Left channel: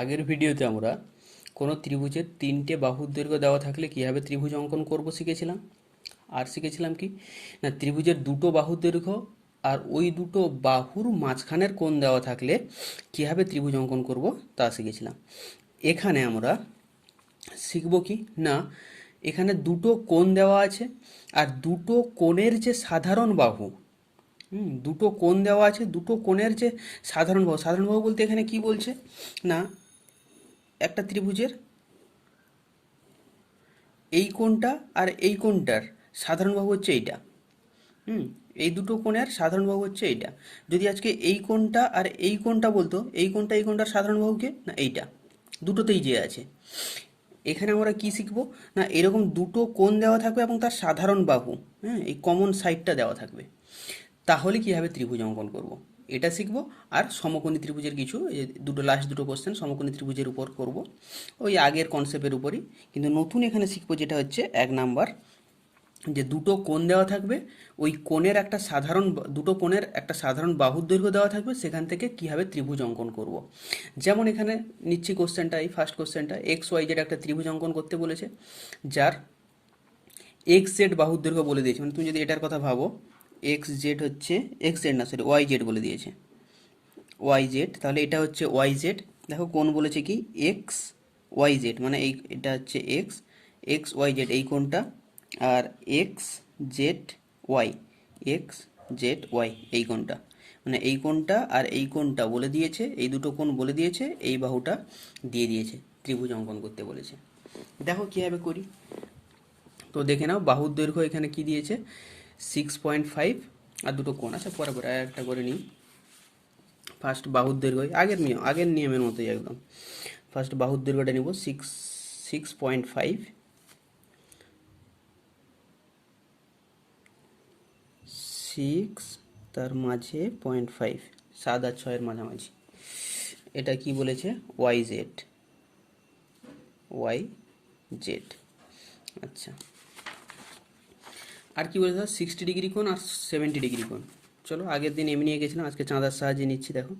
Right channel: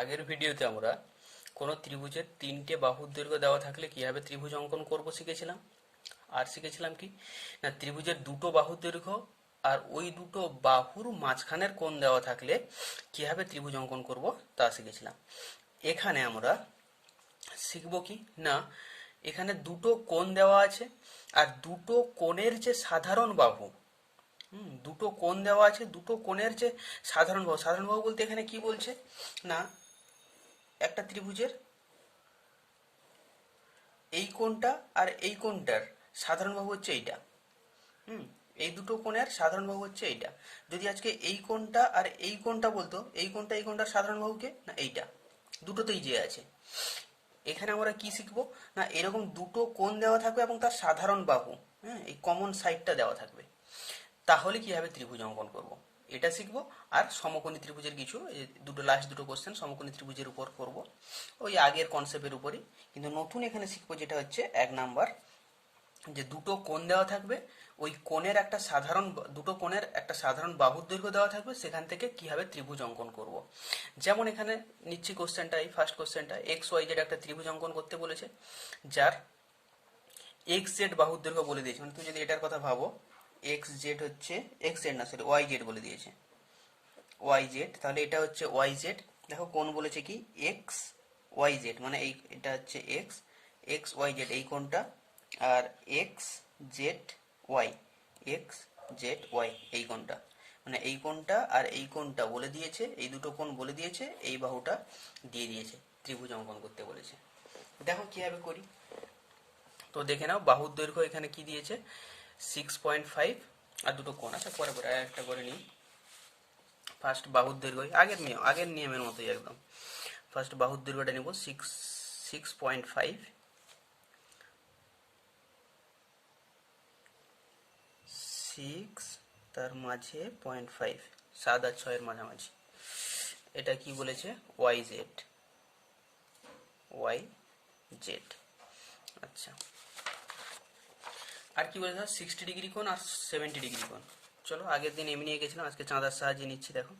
আগের ভিডিওতে আমরা কোনো ত্রিভুজের তিনটে বাহুর দৈর্ঘ্য দেওয়া থাকলে কীভাবে ত্রিভুজ অঙ্কন করব শিখেছিলাম। আর শিখেছিলাম কি না, ত্রিভুজের দুটো বাহুর দৈর্ঘ্য আর ওই দুটো বাহুর মাঝখানের কোণ দেওয়া থাকলে কীভাবে ত্রিভুজ অঙ্কন করব তা শিখেছিলাম। এখানে আমরা শিখব কি না, এখানে দুটো কোণ দেওয়া আছে আর দুটো কোণের যে সাধারণ বাহু, দুটো কোণ দেওয়া আছে, দুটো কোণের যে সাধারণ বাহু বলতে এখানে কি বলছে না, একটা ত্রিভুজের এই কোণটা আর এই কোণটার সাধারণ বাহু হচ্ছে এইটা। হুম এই দুটো কোণের সাধারণ বাহু হচ্ছে এইটা। যদি আজকে এই কোণটা আর এই কোণটা বলতো, এই কোণটার সাধারণ বাহু কে না এইটা, দুটোতেই যে আছে। এখানে আমরা কি শিখবো না, এরকম দুটো কোণ দেওয়া থাকবে এবং তার সাধারণ বাহু, হ্যাঁ, এই কমন সাইডটা দেওয়া থাকবে। তাহলে কিভাবে ত্রিভুজ অঙ্কন করব এটা শিখবো। আর সমকোণী ত্রিভুজের কিছু এই লাস্ট দুটো কোশ্চেন সমকোণী ত্রিভুজের উপর করব, ওই আগের কনসেপ্টের উপরই। কিন্তু নতুন এখানে শিখবো যেটা হচ্ছে 1 নাম্বার, যে দুটো কোণ দেওয়া থাকবে, ওই কোণের একটা সাধারণ দুটো কোণের একটা সাধারণ বাহুর দৈর্ঘ্য দেওয়া থাকবে, সেখান থেকে কিভাবে ত্রিভুজ অঙ্কন করব। যেমন এখানে নিচ্ছি কোশ্চেনটা, এই ফার্স্ট কোশ্চেনটা, এক্স ওয়াই জেড একটা ত্রিভুজ অঙ্কন করতে বলেছে, যার এক্স জেড বাহুর দৈর্ঘ্য বলে দিয়েছে। মানে তুমি যদি এটার কথা ভাবো, এক্স জেড হচ্ছে, এক্স জেড না সরি ওয়াই জেড বলে দিয়েছে, ওয়াই জেড, তাহলে এটা হচ্ছে ওয়াই জেড। দেখো কোণ বলেছে কি এক্স ওয়াই জেড, মানে এই এটা হচ্ছে এক্স, এক্স ওয়াই জেড এই কোণটা, আর X Z Y, X Z Y এই কোণটা, মানে এই কোণটা আর এই কোণটা বলে দিয়েছে, এই দুটো কোণ বলে দিয়েছে, এই বাহুটা দিয়ে দিয়েছে, ত্রিভুজ অঙ্কন করতে বলেছে। দেখো কীভাবে করি। তো দেখে নাও, বাহুর দৈর্ঘ্য এখানে কি দিয়েছে 6.5, আর দুটো কোণ আছে, পরে পরে একটা করে নিই। ফার্স্ট বাহুর দৈর্ঘ্য আগের নিয়মের মতোই একদম। ফার্স্ট বাহুর দৈর্ঘ্যটা নিব 6.5, 6 তার মাঝে 0.5, 7 আর 6-এর মাঝামাঝি। এটা কি বলেছে ওয়াই জেড, ওয়াই জেড। আচ্ছা, আর কি বলেছে 60 ডিগ্রি কোণ আর 70 ডিগ্রি কোণ। চলো আগের দিন এমনি নিয়ে গেছিলাম, আজকে চাঁদার সাহায্যে নিচ্ছি। দেখো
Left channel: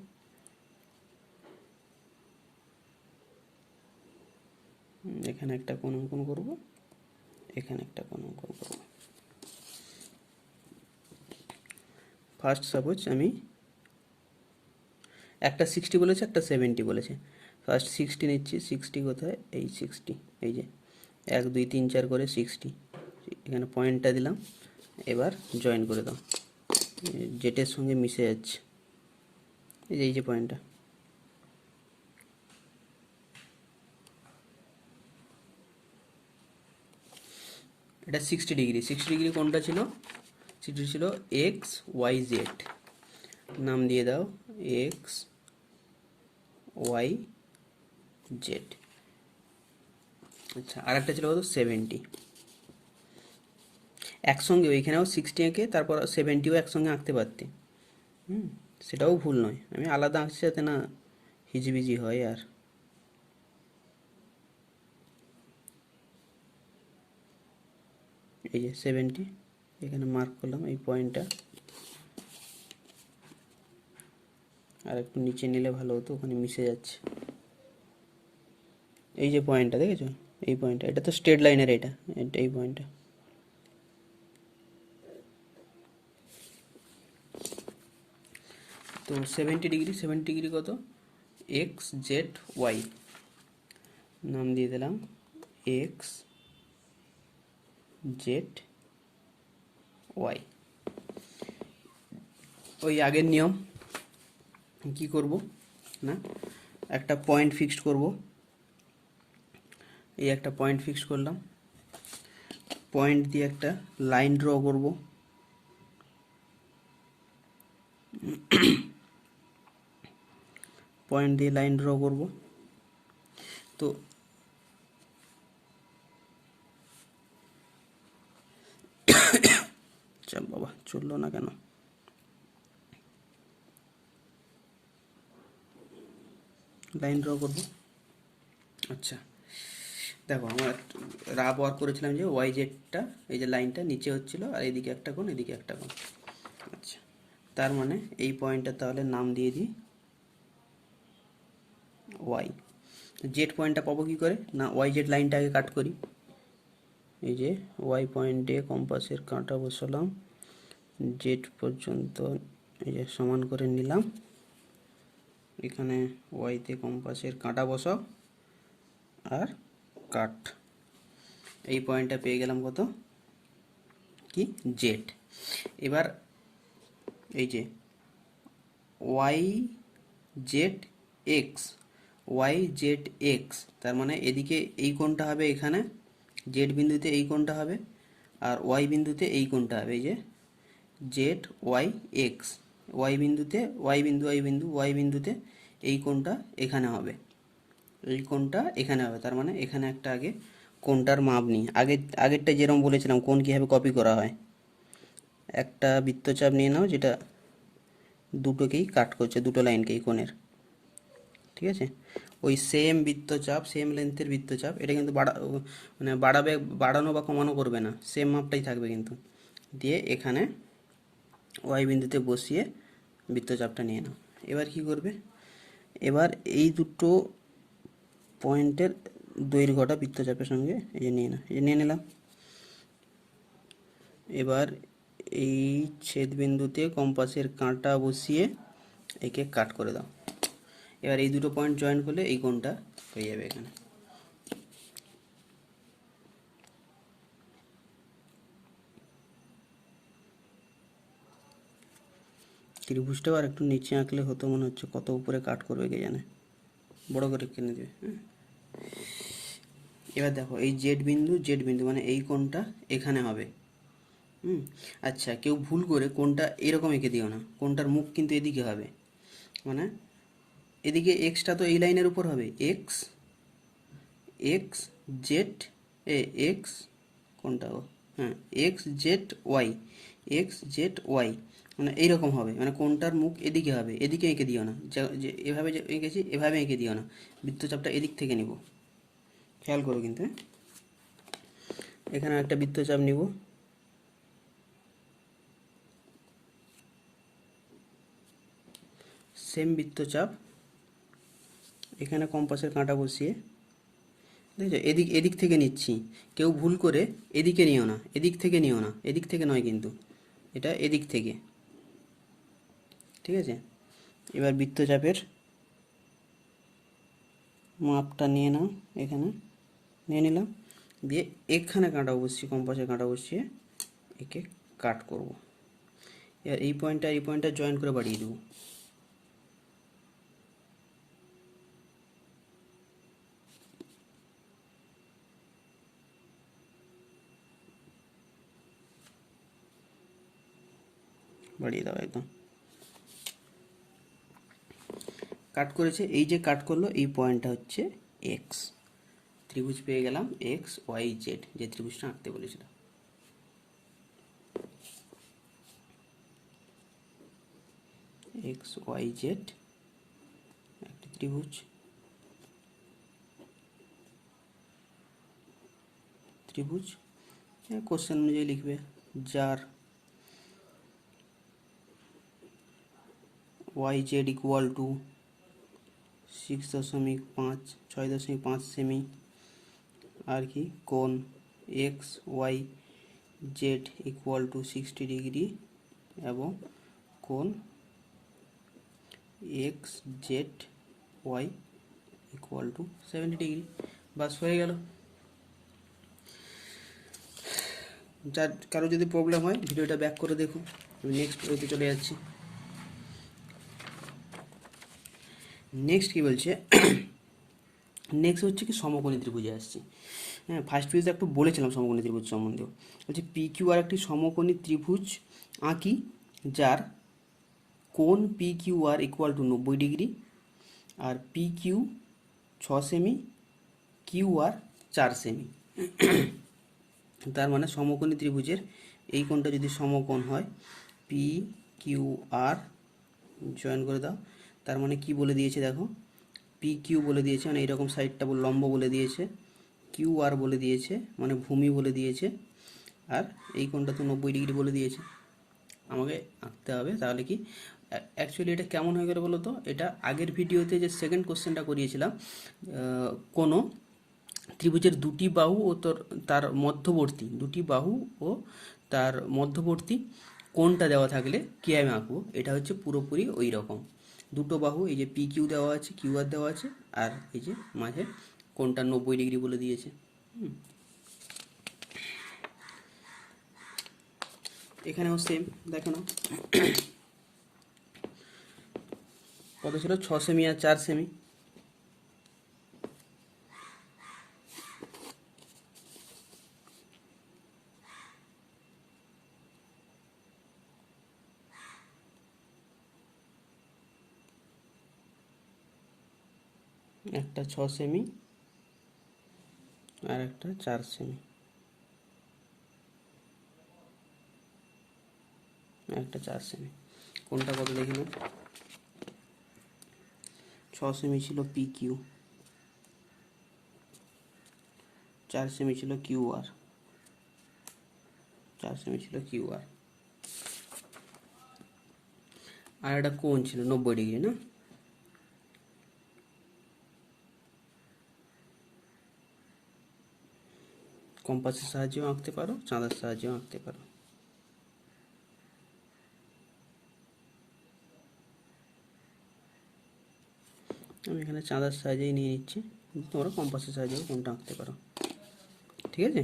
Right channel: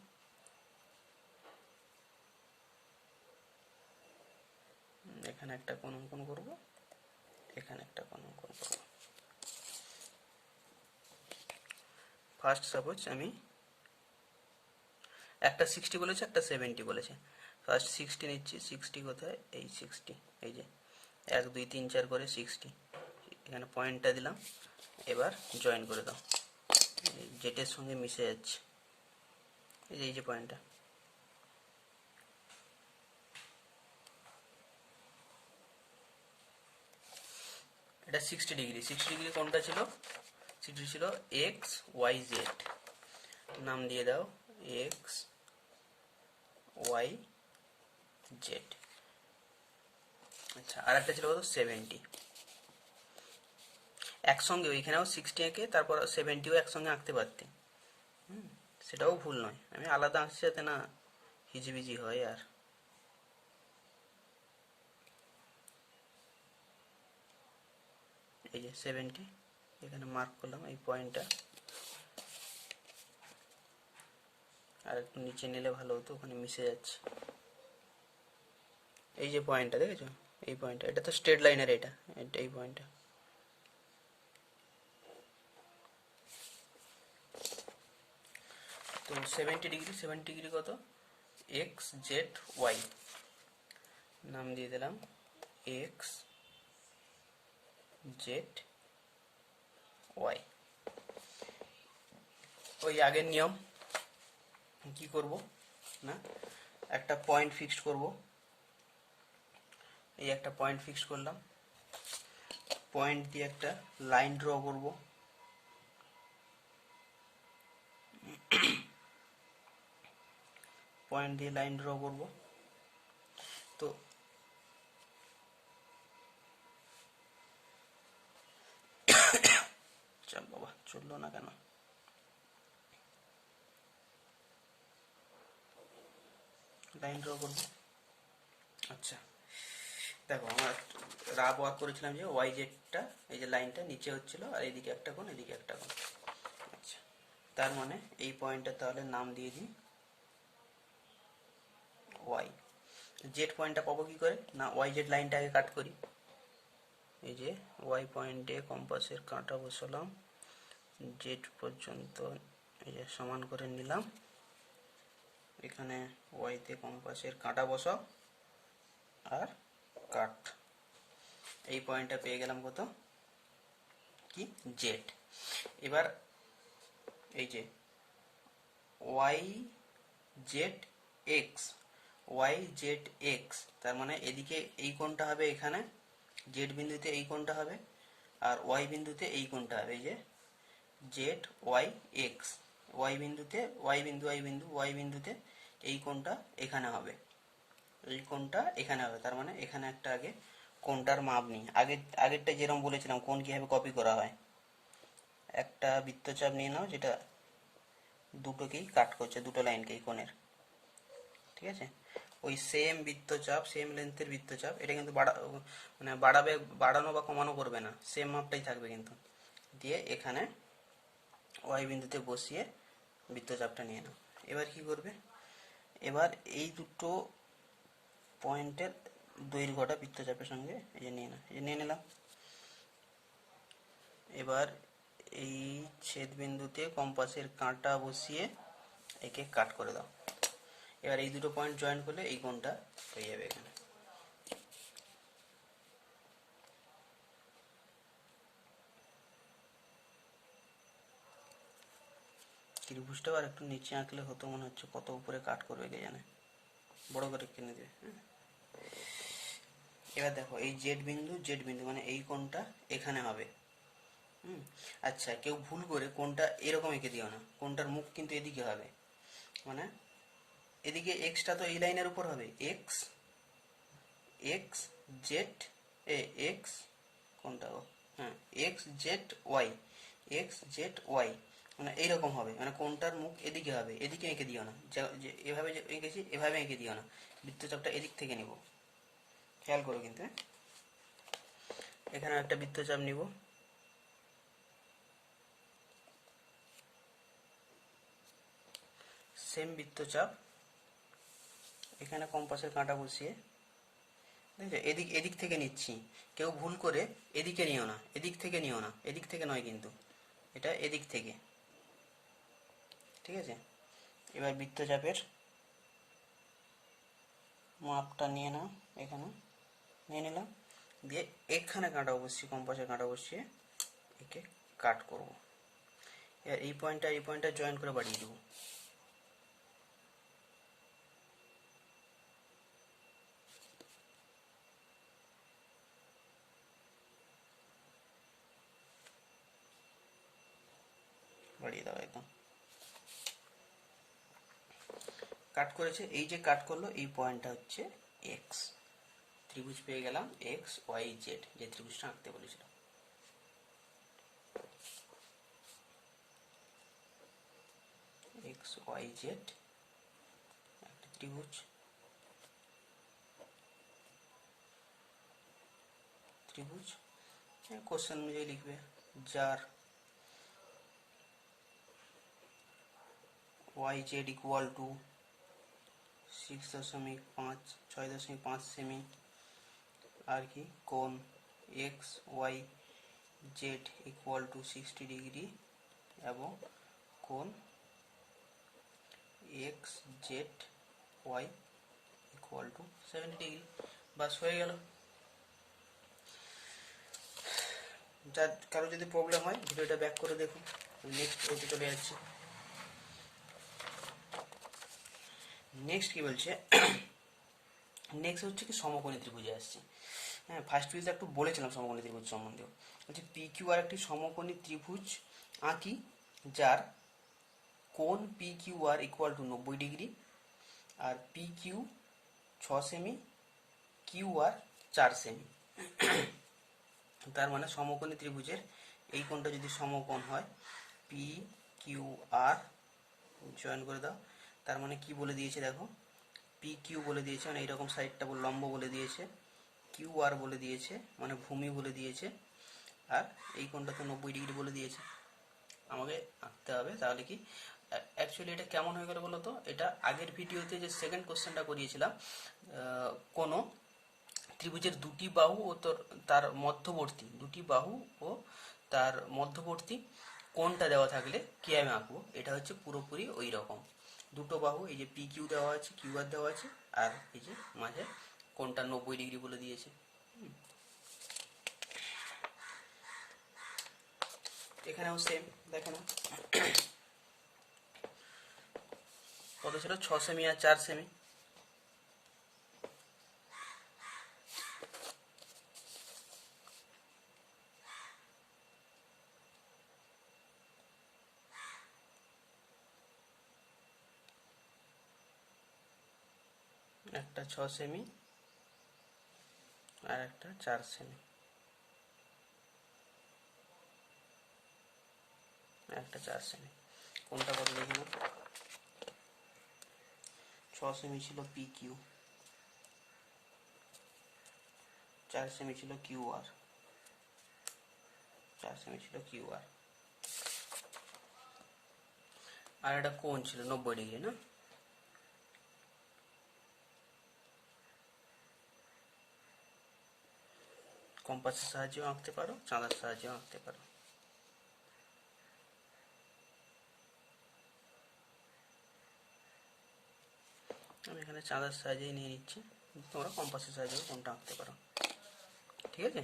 এখানে একটা কোণ অঙ্কন করব, এখানে একটা কোণ অঙ্কন করব। ফার্স্ট সাপোজ আমি একটা 60 বলেছে, একটা 70 বলেছে। ফার্স্ট 60 নিচ্ছি, 60 কোথায়, এই 60, এই যে 1 2 3 4 করে 60, এখানে পয়েন্টটা দিলাম। এবার জয়েন করে দাও, জেটের সঙ্গে মিশে যাচ্ছে, এই যে পয়েন্টটা। এটা 60 ডিগ্রি, 60 ডিগ্রি কোনটা ছিল, সেটি ছিল এক্স ওয়াই জেড, নাম দিয়ে দাও এক্স ওয়াই জেড। আচ্ছা, আর একটা ছিল কত 70, একসঙ্গে ওইখানেও 60 এঁকে তারপর 70ও একসঙ্গে আঁকতে পারতে, সেটাও ভুল নয়। আমি আলাদা আঁকছি যাতে না হিজিবিজি হয়। আর এই যে 70, এখানে মার্ক করলাম এই পয়েন্টটা, আর একটু নিচে নিলে ভালো হতো, ওখানে মিশে যাচ্ছে। এই যে পয়েন্টটা দেখেছো, এই পয়েন্টটা, এটা তো স্ট্রেট লাইনের, এটা এই পয়েন্টটা। তো 70 ডিগ্রি, 70 ডিগ্রি কত, এক্স জেড ওয়াই, নাম দিয়ে দিলাম এক্স জেড ওয়াই। ওই আগের নিয়ম কি করব না, একটা পয়েন্ট ফিক্সড করব, এই একটা পয়েন্ট ফিক্সড করলাম, পয়েন্ট দিয়ে একটা লাইন ড্র করব, পয়েন্ট দিয়ে লাইন ড্র করব। তো চাপ বাবা, চললো না কেন, লাইন ড্র করব। আচ্ছা দেখো, আমার রাফ ওয়ার্ক করেছিলাম যে ওয়াই জেডটা, এই যে লাইনটা নিচে হচ্ছিল, আর এদিকে একটা কোণ, এদিকে একটা কোণ। আচ্ছা, তার মানে এই পয়েন্টটা তাহলে নাম দিয়ে দিই ওয়াই। জেড পয়েন্টটা পাবো কী করে? না ওয়াই জেড লাইনটা আগে কাট করি। এই যে ওয়াই পয়েন্টে কম্পাসের কাঁটা বসালাম, জেড পর্যন্ত এই যে সমান করে নিলাম। এখানে ওয়াইতে কম্পাসের কাঁটা বসাও আর কাট। এই পয়েন্টটা পেয়ে গেলাম কত? কি? জেড। এবার এই যে Y Z X, Y Z X, তার মানে এদিকে এই কোণটা হবে এখানে, জেড বিন্দুতে এই কোণটা হবে, আর ওয়াই বিন্দুতে এই কোণটা হবে। এই যে জেড ওয়াই এক্স, ওয়াই বিন্দুতে ওয়াই বিন্দু ওয়াই বিন্দু ওয়াই বিন্দুতে এই কোণটা এখানে হবে, এই কোণটা এখানে হবে। তার মানে এখানে একটা আগে কোণটার মাপ নিই। আগেরটা যেরকম বলেছিলাম কোণ কীভাবে কপি করা হয়, একটা বৃত্তচাপ নিয়ে নাও যেটা দুটোকেই কাট করছে, দুটো লাইনকেই কোণের, ঠিক আছে? ওই সেম বৃত্তচাপ, সেম লেন্থের বৃত্তচাপ, এটা কিন্তু মানে বাড়ানো বা কমানো করবে না, সেম মাপটাই থাকবে কিন্তু। দিয়ে এখানে ওয়াই বিন্দুতে বসিয়ে বৃত্তচাপটা নিয়ে নাও। এবার কি করবে? এবার এই দুটো পয়েন্টের দৈর্ঘ্যটা বৃত্তচাপের সঙ্গে এই যে নিয়ে নাও, এই যে নিয়ে নিলাম। এবার এই ছেদবিন্দুতে কম্পাসের কাঁটা বসিয়ে একে কাট করে দাও। এবার এই দুটো পয়েন্ট জয়েন করলে এই কোণটা হয়ে যাবে এখানে। ত্রিভুজটাও আর একটু নিচে আঁকলে হতো মনে হচ্ছে, কত উপরে কাট করবে কে জানে, বড় করে কিনে দেবে। এবার দেখো এই জেড বিন্দু মানে এই কোণটা এখানে হবে। আচ্ছা, কেউ ভুল করে কোণটা এরকম এঁকে দিও না, কোণটার মুখ কিন্তু এদিকে হবে, মানে এদিকে এক্সটা তো এই লাইনের উপর হবে, এক্স এক্স জেড এক্স কোনটা গো, হ্যাঁ X Z Y, X Z Y মানে এইরকম হবে, মানে কোনটার মুখ এদিকে হবে, এদিকে এঁকে দিও না, যে এভাবে যে এঁকেছি এভাবে এঁকে দিও না, বৃত্তচাপটা এদিক থেকে নিব, খেয়াল করো কিন্তু। এখানে একটা বৃত্তচাপ নিব, সেম বৃত্তচাপ, এখানে কম্পাসের কাঁটা বসিয়ে দেখছো এদিক থেকে নিচ্ছি, কেউ ভুল করে এদিকে নিও না, এদিক থেকে নিও না, এদিক থেকে নয় কিন্তু, এটা এদিক থেকে, ঠিক আছে? এবার বৃত্তচাপের মাপটা নিয়ে নাও, এখানে নিয়ে নিলাম, দিয়ে এখানে কাঁটা বসিয়ে কম্পাসের কাঁটা বসিয়ে একে কাট করব। এবার এই পয়েন্টটা জয়েন করে বাড়িয়ে দেবো। বাড়িয়ে দাও একদম। কাট করেছে, এই যে কাট করলো এই পয়েন্টটা হচ্ছে এক্স, ত্রিভুজ পেয়ে গেলাম এক্স ওয়াই জেড, যে ত্রিভুজটা আঁকতে বলেছিল। এক্স ওয়াই জেড একটা ত্রিভুজ, কোশ্চেন অনুযায়ী লিখবে, যার ওয়াই জেড ইকুয়াল টু 6.5 সেমি, আর কি কোণ X Y Z equal to 60 degree এবং কোণ X Z Y equal to 70 degree. বাস হয়ে গেল। যার কারো যদি প্রবলেম হয় ভিডিওটা ব্যাক করে দেখুন, আমি নেক্সট ওতে চলে যাচ্ছি। নেক্সট কি বলছে, নেক্সট হচ্ছে কি সমকোণী ত্রিভুজে আসছি। হ্যাঁ, ফার্স্ট পেজে একটু বলেছিলাম সমকোণী ত্রিভুজ সম্বন্ধেও। বলছে পি কিউ আর একটি সমকোণী ত্রিভুজ আঁকি যার কোণ P Q R equal to 90 degree, আর পি কিউ 6 সেমি, কিউ আর 4 সেমি। তার মানে সমকোণী ত্রিভুজের এই কোণটা যদি সমকোণ হয়, পি কিউ আর জয়েন করে দাও, তার মানে কি বলে দিয়েছে দেখো, পি কিউ বলে দিয়েছে মানে এইরকম সাইডটা লম্ব বলে দিয়েছে, কিউ আর বলে দিয়েছে মানে ভূমি বলে দিয়েছে, আর এই কোণটা তো 90 ডিগ্রি বলে দিয়েছে। আমাকে আঁকতে হবে তাহলে কি অ্যাকচুয়ালি এটা কেমন হয়ে গেল বলো তো, এটা আগের ভিডিওতে যে সেকেন্ড কোশ্চেনটা করিয়েছিলাম, কোনো ত্রিভুজের দুটি বাহু ও তার মধ্যবর্তী দুটি বাহু ও তার মধ্যবর্তী কোণটা দেওয়া থাকলে কীভাবে আঁকবো, এটা হচ্ছে পুরোপুরি ওই রকম। দুটো বাহু, এই যে পি কিউ দেওয়া আছে, কিউ আর দেওয়া আছে, আর এই যে মাঝে কোণটা 90 ডিগ্রি বলে দিয়েছে। এখানেও সেম, দেখে নাও কত ছিল, 6 সেমি আর 4 সেমি। একটা 6 সেমি আর একটা 4 সেমি, একটা 4 সেমি। কোনটা কত দেখি না, 6 সেমি ছিল পি কিউ, 4 সেমি ছিল কিউ আর, 4 সেমি ছিল কিউ আর। আর একটা কোণ ছিল 90 ডিগ্রি, না? কম্পাসের সাহায্যেও আঁকতে পারো, চাঁদার সাহায্যেও আঁকতে পারো। আমি এখানে চাঁদার সাহায্যেই নিয়ে নিচ্ছি, তোমরা কম্পাসের সাহায্যেও কোনটা আঁকতে পারো, ঠিক আছে?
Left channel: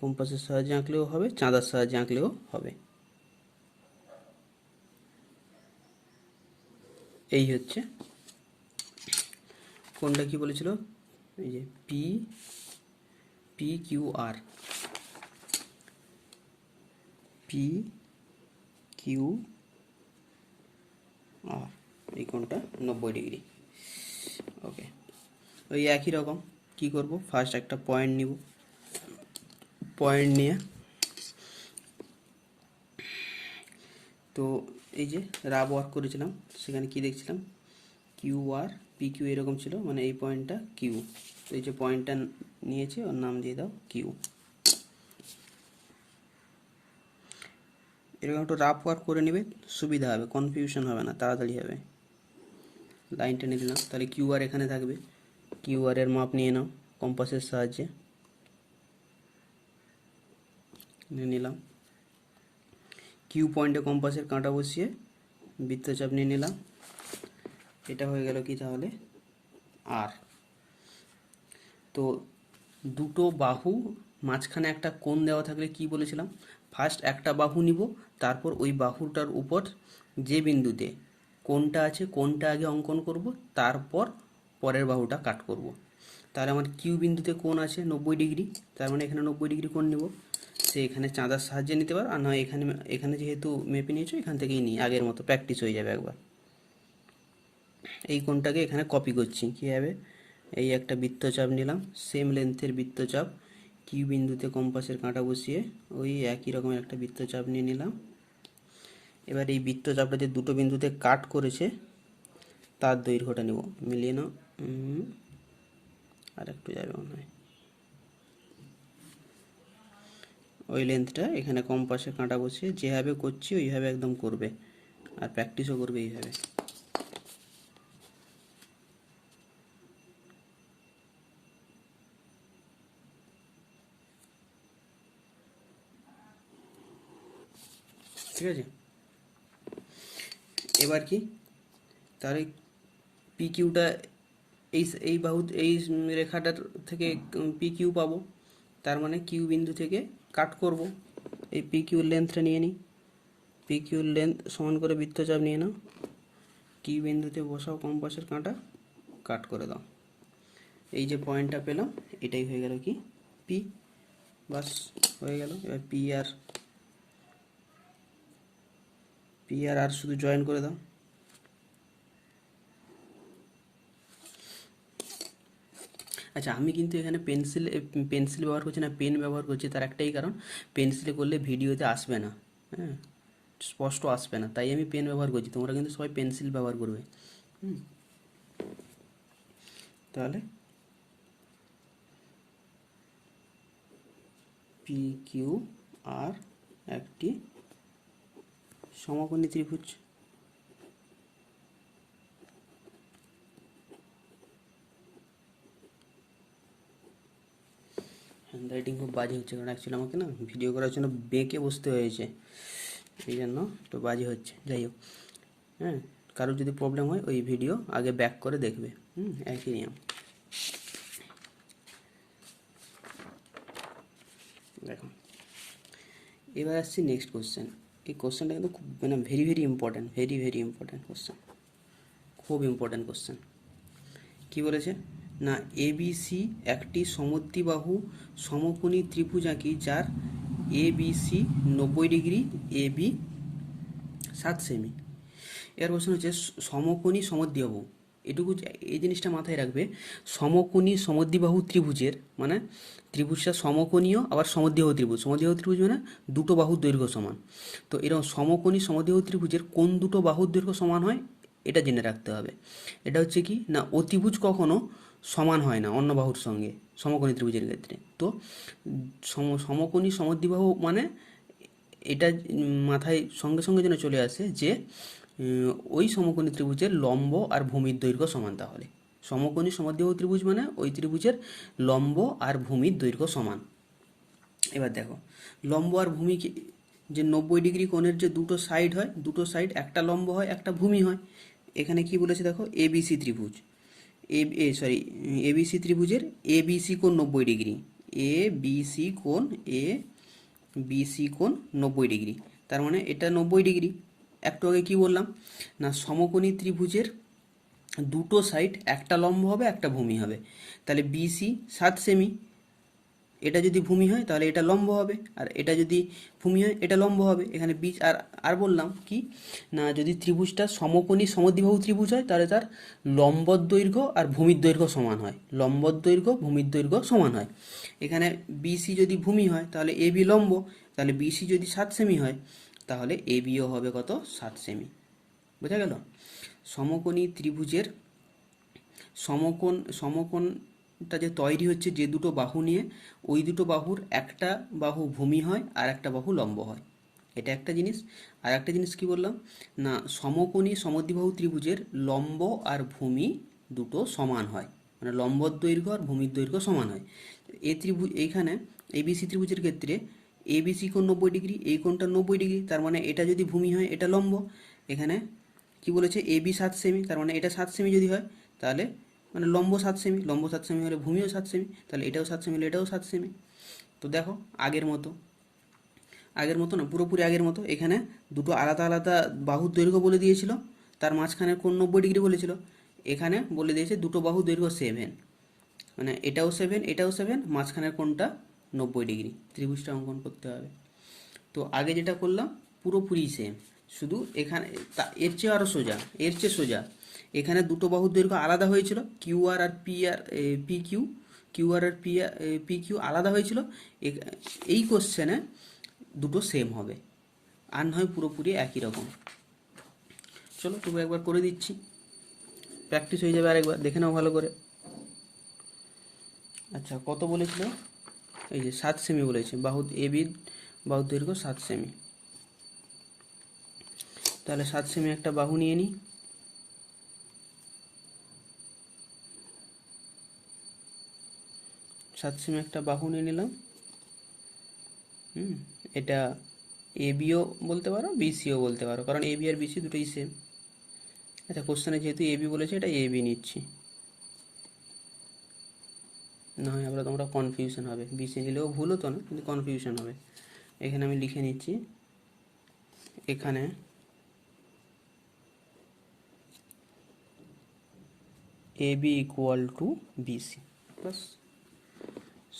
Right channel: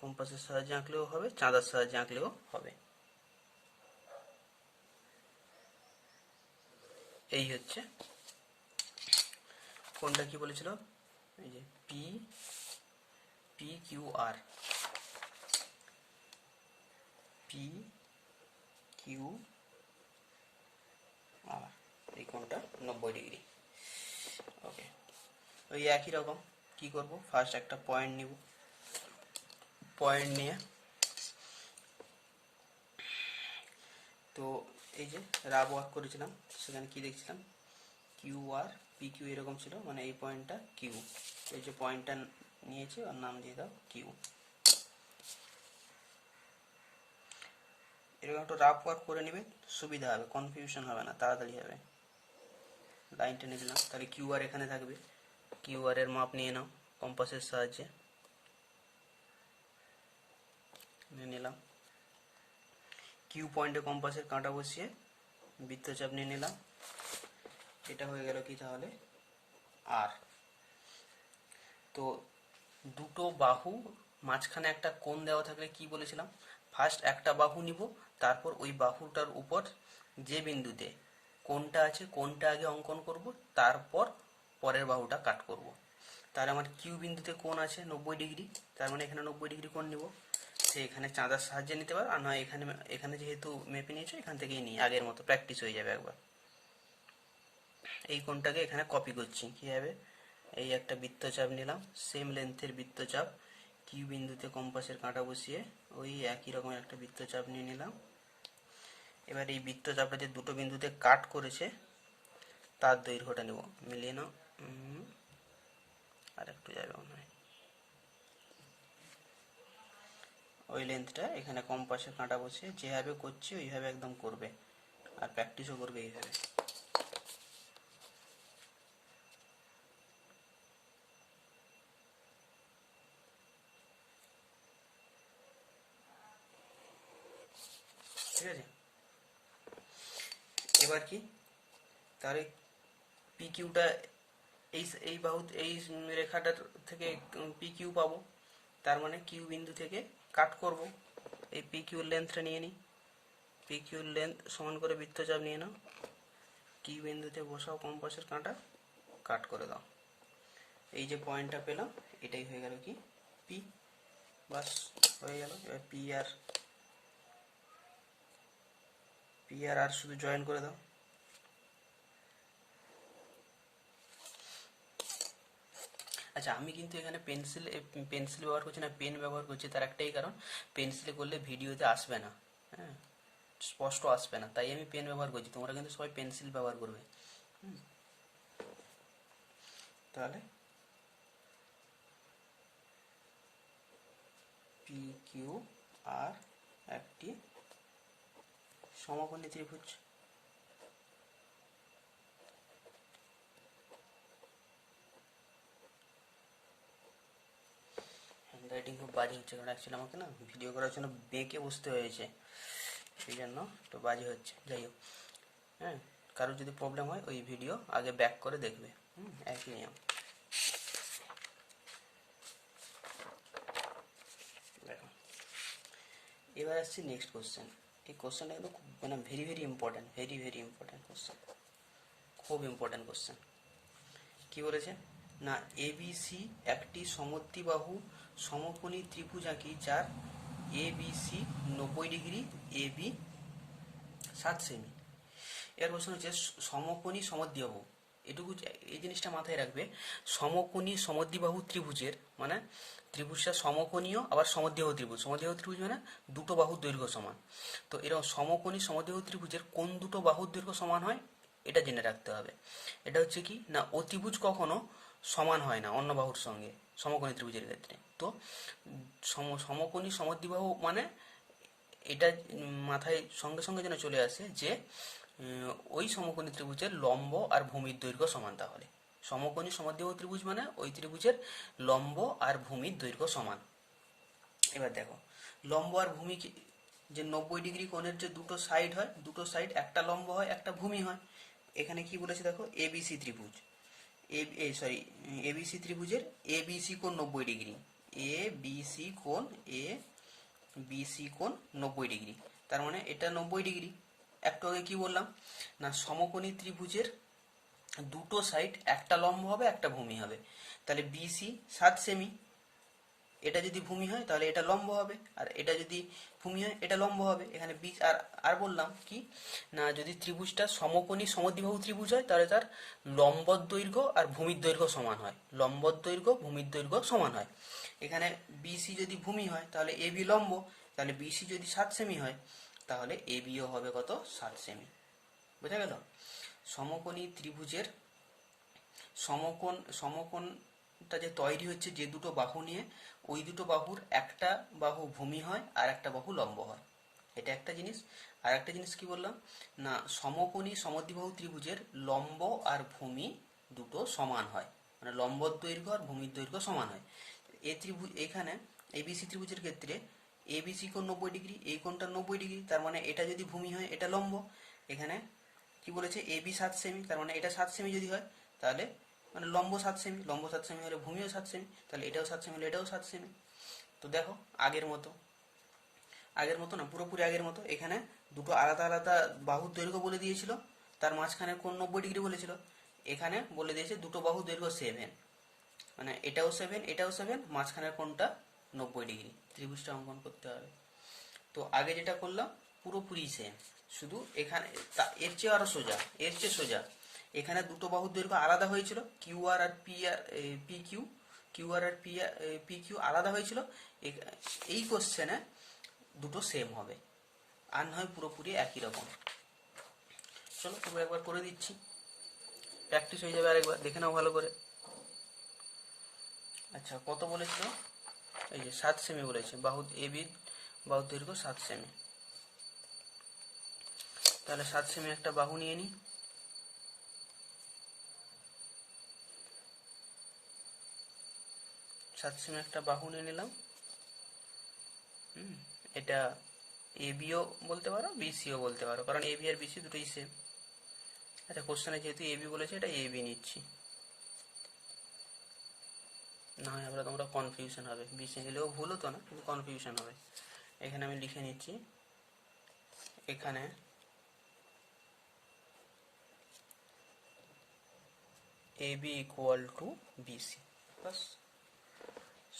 কম্পাসের সাহায্যে আঁকলেও হবে, চাঁদার সাহায্যে আঁকলেও হবে। এই হচ্ছে কোনটা কি বলেছিল, এই যে পি পি কিউ আর, পি কিউ আর, এই কোণটা 90 ডিগ্রি। ওকে, ওই একই রকম কি করব, ফার্স্ট একটা পয়েন্ট নিব, পয়েন্ট নিয়ে তো এই যে রাব ওয়ার্ক করেছিলাম, সেখানে কি দেখছিলাম, কিউ আর পি কিউ এরকম ছিল, মানে এই পয়েন্টটা কিউ। তো এই যে পয়েন্টটা নিয়েছে, ওর নাম দিয়ে দাও কিউ। এরকম একটু রাফ ওয়ার্ক করে নেবে, সুবিধা হবে, কনফিউশন হবে না, তাড়াতাড়ি হবে। লাইন টেনে দিলাম, তাহলে কিউ আর এখানে থাকবে। কিউ আর এর মাপ নিয়ে নাও কম্পাসের সাহায্যে, নিয়ে নিলাম। কিউ পয়েন্টে কম্পাসের কাঁটা বসিয়ে বৃত্তচাপ নিয়ে নিলাম। এটা হয়ে গেল কি তাহলে, আর। তো দুটো বাহু মাঝখানে একটা কোণ দেওয়া থাকলে কি বলেছিলাম, ফার্স্ট একটা বাহু নিব, তারপর ওই বাহুটার উপর যে বিন্দুতে কোণটা আছে কোণটা আগে অঙ্কন করব, তারপর পরের বাহুটা কাট করব। তাহলে আমার কিউ বিন্দুতে কোণ আছে 90 ডিগ্রি, তার মানে এখানে 90 ডিগ্রি কোণ নিব। সে এখানে চাঁদার সাহায্যে নিতে পারো, আর নয় এখানে, এখানে যেহেতু মেপে নিয়েছো এখান থেকেই নিই, আগের মতো প্র্যাকটিস হয়ে যাবে একবার। এই কোণটাকে এখানে কপি করছি, কী হবে, এই একটা বৃত্তচাপ নিলাম, সেম লেন্থের বৃত্তচাপ, কিউ বিন্দুতে কম্পাসের কাঁটা বসিয়ে ওই একই রকম একটা বৃত্তচাপ নিয়ে নিলাম। এবার এই বৃত্তচাপটা যে দুটো বিন্দুতে কাট করেছে তার দৈর্ঘ্যটা নেব, মিলিয়ে নাও। আর একটু যাবে মনে হয়, ওই লেন্থটা এখানে কম্পাসের কাঁটা বসিয়ে যেভাবে করছি ওইভাবে একদম করবে, আর প্র্যাকটিসও করবে এইভাবে। ঠিক আছে, এবার কি, তাহলে পি কিউটা এই এই বাহু, এই রেখাটার থেকে পি কিউ পাবো, তার মানে কিউ বিন্দু থেকে কাট করব। এই পি কিউর লেন্থটা নিয়ে নিই, পি কিউর লেন্থ সমান করে বৃত্তচাপ নিয়ে নাও, কিউ বিন্দুতে বসাও কম্পাসের কাঁটা, কাট করে দাও। এই যে পয়েন্টটা পেলাম, এটাই হয়ে গেল কি পি, বাস হয়ে গেল। এবার পি আর আর শুধু জয়েন করে দাও। আচ্ছা, আমি কিন্তু এখানে পেন্সিল ব্যবহার করছি না, পেন ব্যবহার করছি, তার একটাই কারণ, পেন্সিলে করলে ভিডিওতে আসবে না, হ্যাঁ, স্পষ্ট আসবে না, তাই আমি পেন ব্যবহার করছি। তোমরা কিন্তু সবাই পেন্সিল ব্যবহার করবে। তাহলে পি কিউ আর একটি সমকোণী ত্রিভুজ। হ্যান্ডরাইটিং খুব বাজে হচ্ছে, কারণ অ্যাকচুয়ালি আমাকে না ভিডিও করার জন্য বেঁকে বসতে হয়েছে, এই জন্য একটু বাজে হচ্ছে। যাই হোক, হ্যাঁ, কারোর যদি প্রবলেম হয় ওই ভিডিও আগে ব্যাক করে দেখবে। একই নিয়ম। দেখো, এবার আসছি নেক্সট কোশ্চেন। এই কোশ্চেনটা কিন্তু খুব মানে very very important, very very important question, খুব ইম্পর্ট্যান্ট কোশ্চেন। কি বলেছে না, এবিসি একটি সমদ্বিবাহু সমকোণী ত্রিভুজ আঁকি যার এবিসি 90 ডিগ্রি, এবি 7 সেমি। এর প্রশ্ন হচ্ছে সমকোণী সমদ্বিবাহু, এটুকু এই জিনিসটা মাথায় রাখবে। সমকোণী সমদ্বিবাহু ত্রিভুজের মানে ত্রিভুজটা সমকোণীয় আবার সমদ্বিবাহু ত্রিভুজ। সমদ্বিবাহু ত্রিভুজ মানে দুটো বাহুর দৈর্ঘ্য সমান। তো এরকম সমকোণী সমদ্বিবাহু ত্রিভুজের কোন দুটো বাহুর দৈর্ঘ্য সমান হয় এটা জেনে রাখতে হবে। এটা হচ্ছে কি না, অতিভুজ কখনো সমান হয় না অন্য বাহুর সঙ্গে সমকোণী ত্রিভুজের ক্ষেত্রে। তো সমকোণী সমদ্বিবাহু মানে এটা মাথায় সঙ্গে সঙ্গে যেন চলে আসে যে ওই সমকোণী ত্রিভুজের লম্ব আর ভূমির দৈর্ঘ্য সমান। তাহলে সমকোণী সমদ্বিবাহু ত্রিভুজ মানে ওই ত্রিভুজের লম্ব আর ভূমির দৈর্ঘ্য সমান। এবার দেখো, লম্ব আর ভূমি যে 90 ডিগ্রি কোণের যে দুটো সাইড হয়, দুটো সাইড একটা লম্ব হয় একটা ভূমি হয়। এখানে কি বলেছে দেখো, এবিসি ত্রিভুজ, এবিসি ত্রিভুজের এবিসি কোণ 90 ডিগ্রি, এবিসি কোণ, বিসি কোণ 90 ডিগ্রি। তার মানে এটা 90 ডিগ্রি। একটু আগে কি বললাম না, সমকোণী ত্রিভুজের দুটো সাইড একটা লম্ব হবে একটা ভূমি হবে। তাহলে বিসি 7 সেমি, এটা যদি ভূমি হয় তাহলে এটা লম্ব হবে, আর এটা যদি ভূমি হয় এটা লম্ব হবে। এখানে বিচ আর আর বললাম কি না, যদি ত্রিভুজটা সমকোণী সমদ্বিবাহু ত্রিভুজ হয় তাহলে তার লম্বর দৈর্ঘ্য আর ভূমির দৈর্ঘ্য সমান হয়, লম্বর দৈর্ঘ্য ভূমির দৈর্ঘ্য সমান হয়। এখানে বিসি যদি ভূমি হয় তাহলে এবি লম্ব, তাহলে বিসি যদি 7 সেমি হয় তাহলে এবিও হবে কত, 7 সেমি। বোঝা গেল? সমকোণী ত্রিভুজের সমকোণটা যে তৈরি হচ্ছে যে দুটো বাহু নিয়ে, ওই দুটো বাহুর একটা বাহু ভূমি হয় আর একটা বাহু লম্ব হয়, এটা একটা জিনিস। আর একটা জিনিস কি বললাম না, সমকোণী সমদ্বিবাহু ত্রিভুজের লম্ব আর ভূমি দুটো সমান হয়, মানে লম্বর দৈর্ঘ্য আর ভূমির দৈর্ঘ্য সমান হয়। এই ত্রিভুজ এইখানে এবিসি ত্রিভুজের ক্ষেত্রে এবিসি কোণ 90 ডিগ্রি, এই কোণটা 90 ডিগ্রি, তার মানে এটা যদি ভূমি হয় এটা লম্ব। এখানে কি বলেছে, এবি 7 সেমি, তার মানে এটা 7 সেমি যদি হয় তাহলে মানে লম্ব 7 সেমি, লম্ব 7 সেমি হলে ভূমিও 7 সেমি, তাহলে এটাও 7 সেমি হলে এটাও 7 সেমি। তো দেখো, আগের মতো না, পুরোপুরি আগের মতো। এখানে দুটো আলাদা আলাদা বাহুর দৈর্ঘ্য বলে দিয়েছিল, তার মাঝখানে কোণ 90 ডিগ্রি বলেছিল। এখানে বলে দিয়েছে দুটো বাহুর দৈর্ঘ্য 7, মানে এটাও 7 এটাও 7, মাঝখানের কোণটা 90 ডিগ্রি, ত্রিভুজটা অঙ্কন করতে হবে। তো আগে যেটা করলাম পুরোপুরি সেম, শুধু এখানে এর চেয়ে আরও সোজা, এর চেয়ে সোজা। এখানে দুটো বাহুর দৈর্ঘ্য আলাদা হয়েছিল, কিউআর আর পি কিউ, কিউআর আর পি কিউ আলাদা হয়েছিল। এই কোশ্চেনে দুটো সেম হবে, আর নয় পুরোপুরি একই রকম। চলো তবু একবার করে দিচ্ছি, প্র্যাকটিস হয়ে যাবে, আরেকবার দেখে নাও ভালো করে। আচ্ছা, কত বলেছিল, এই যে 7 সেমি বলেছে, এবির বাহুর দৈর্ঘ্য 7 সেমি। তাহলে 7 সেমি একটা বাহু নিয়ে নিই, 7 সেমি একটা বাহু নিয়ে নিলাম। এটা এবিও বলতে পারো বিসিও বলতে পারো, কারণ এবি আর বিসি দুটোই সেম। আচ্ছা, কোশ্চেনে যেহেতু এবি বলেছে এটা এবি নিচ্ছি, না হয় আবার তোমরা কনফিউশন হবে, বিসি নিলেও ভুল হতো না, কিন্তু কনফিউশন হবে। এখানে আমি লিখে নিচ্ছি, এখানে এবি ইকুয়াল টু বিসি, বাস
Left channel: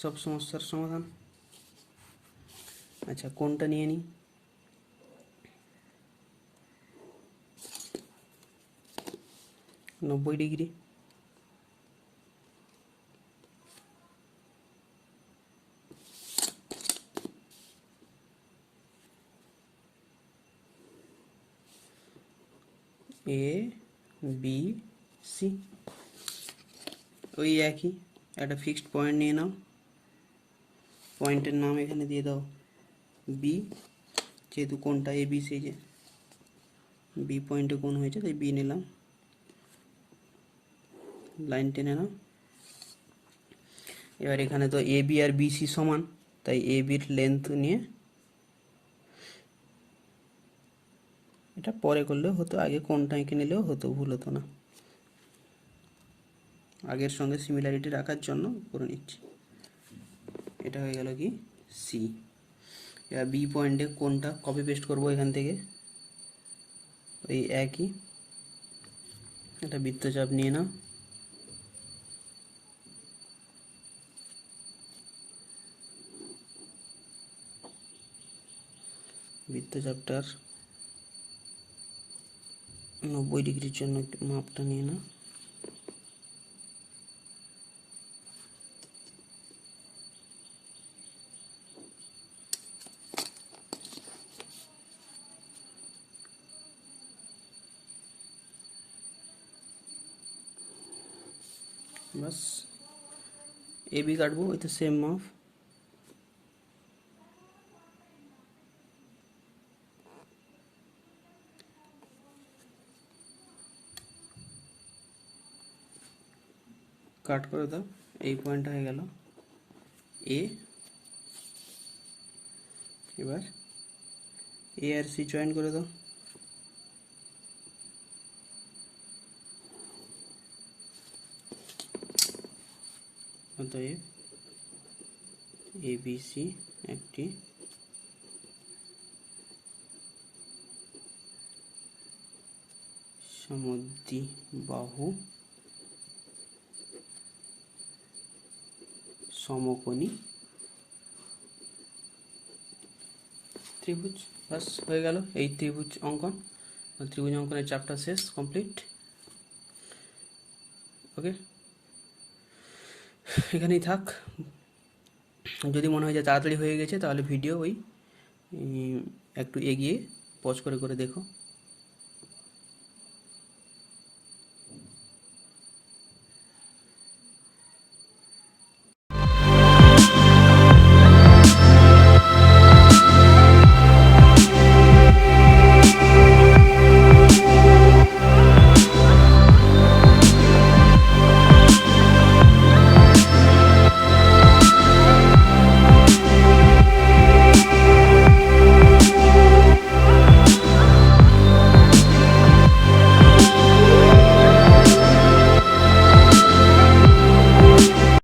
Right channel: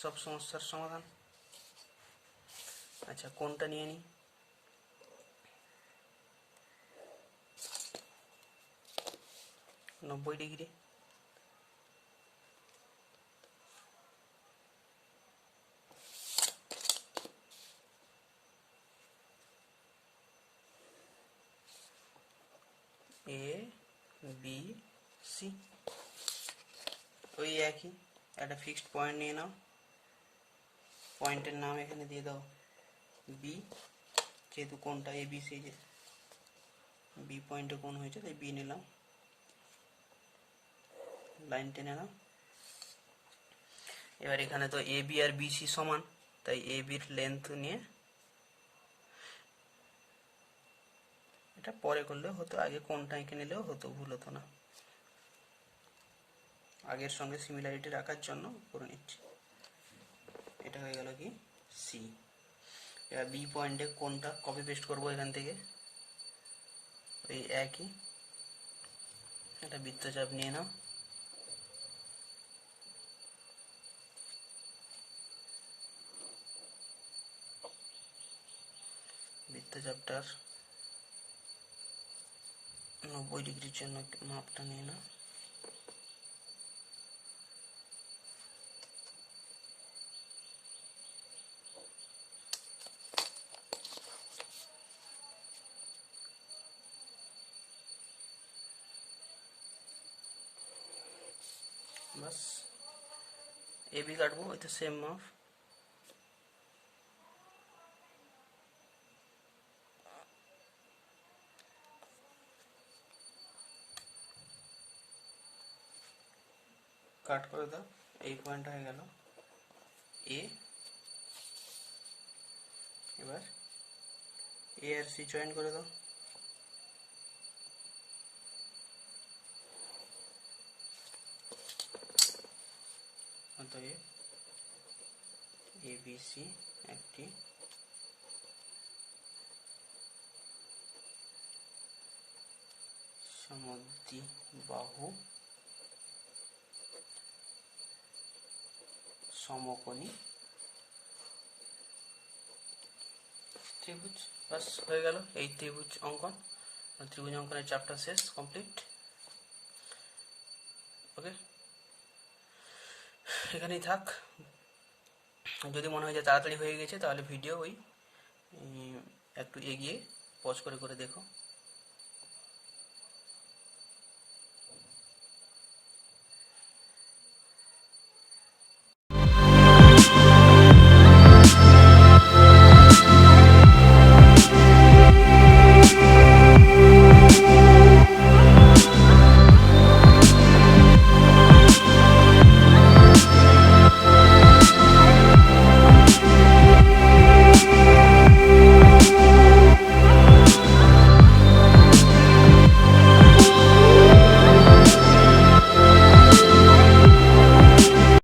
সব সমস্যার সমাধান। আচ্ছা, কোনটা নিয়ে নিই, 90 ডিগ্রি। এ বি সি ওই একই, একটা ফিক্সড পয়েন্ট নিয়ে নাও, পয়েন্টের নাম এখানে দিয়ে দাও বি, যেহেতু কোনটা এ বি সি, যে বি পয়েন্টে কোণ হয়েছে তাই বি নিলাম, লাইন টেনে নাও। এবার এখানে তো এ বি আর বিসি সমান, তাই এ বির লেন্থ নিয়ে, এটা পরে করলেও হতো, আগে কোণটা এঁকে নিলেও হতো, ভুল হতো না। আগের সঙ্গে সিমিলারিটি রাখার জন্য করে নিচ্ছি। এটা হয়ে গেল কি সি। এবার বি পয়েন্টে কোণটা কপি পেস্ট করবো এখান থেকে, ওই একই, এটা বৃত্তচাপ নিয়ে নাও। বৃত্তচাপটার 90 ডিগ্রির জন্য একটু মাপটা নিয়ে নাও। बस ए भी काटबो, ये तो सेम माप। কাট করে দাও, এই পয়েন্ট হয়ে গেল এ। এবার এ আর সি জয়েন করে দাও, অতএব এ বি সি একটি সমদ্বিবাহু সমকোণী ত্রিভুজ। বাস হয়ে গেল এই ত্রিভুজ অঙ্কন। ত্রিভুজ অঙ্কনের চ্যাপ্টার শেষ, কমপ্লিট। ওকে, এখানেই থাক। যদি মনে হয় যে তাড়াতাড়ি হয়ে গেছে তাহলে ভিডিও ওই একটু এগিয়ে পজ করে করে দেখো।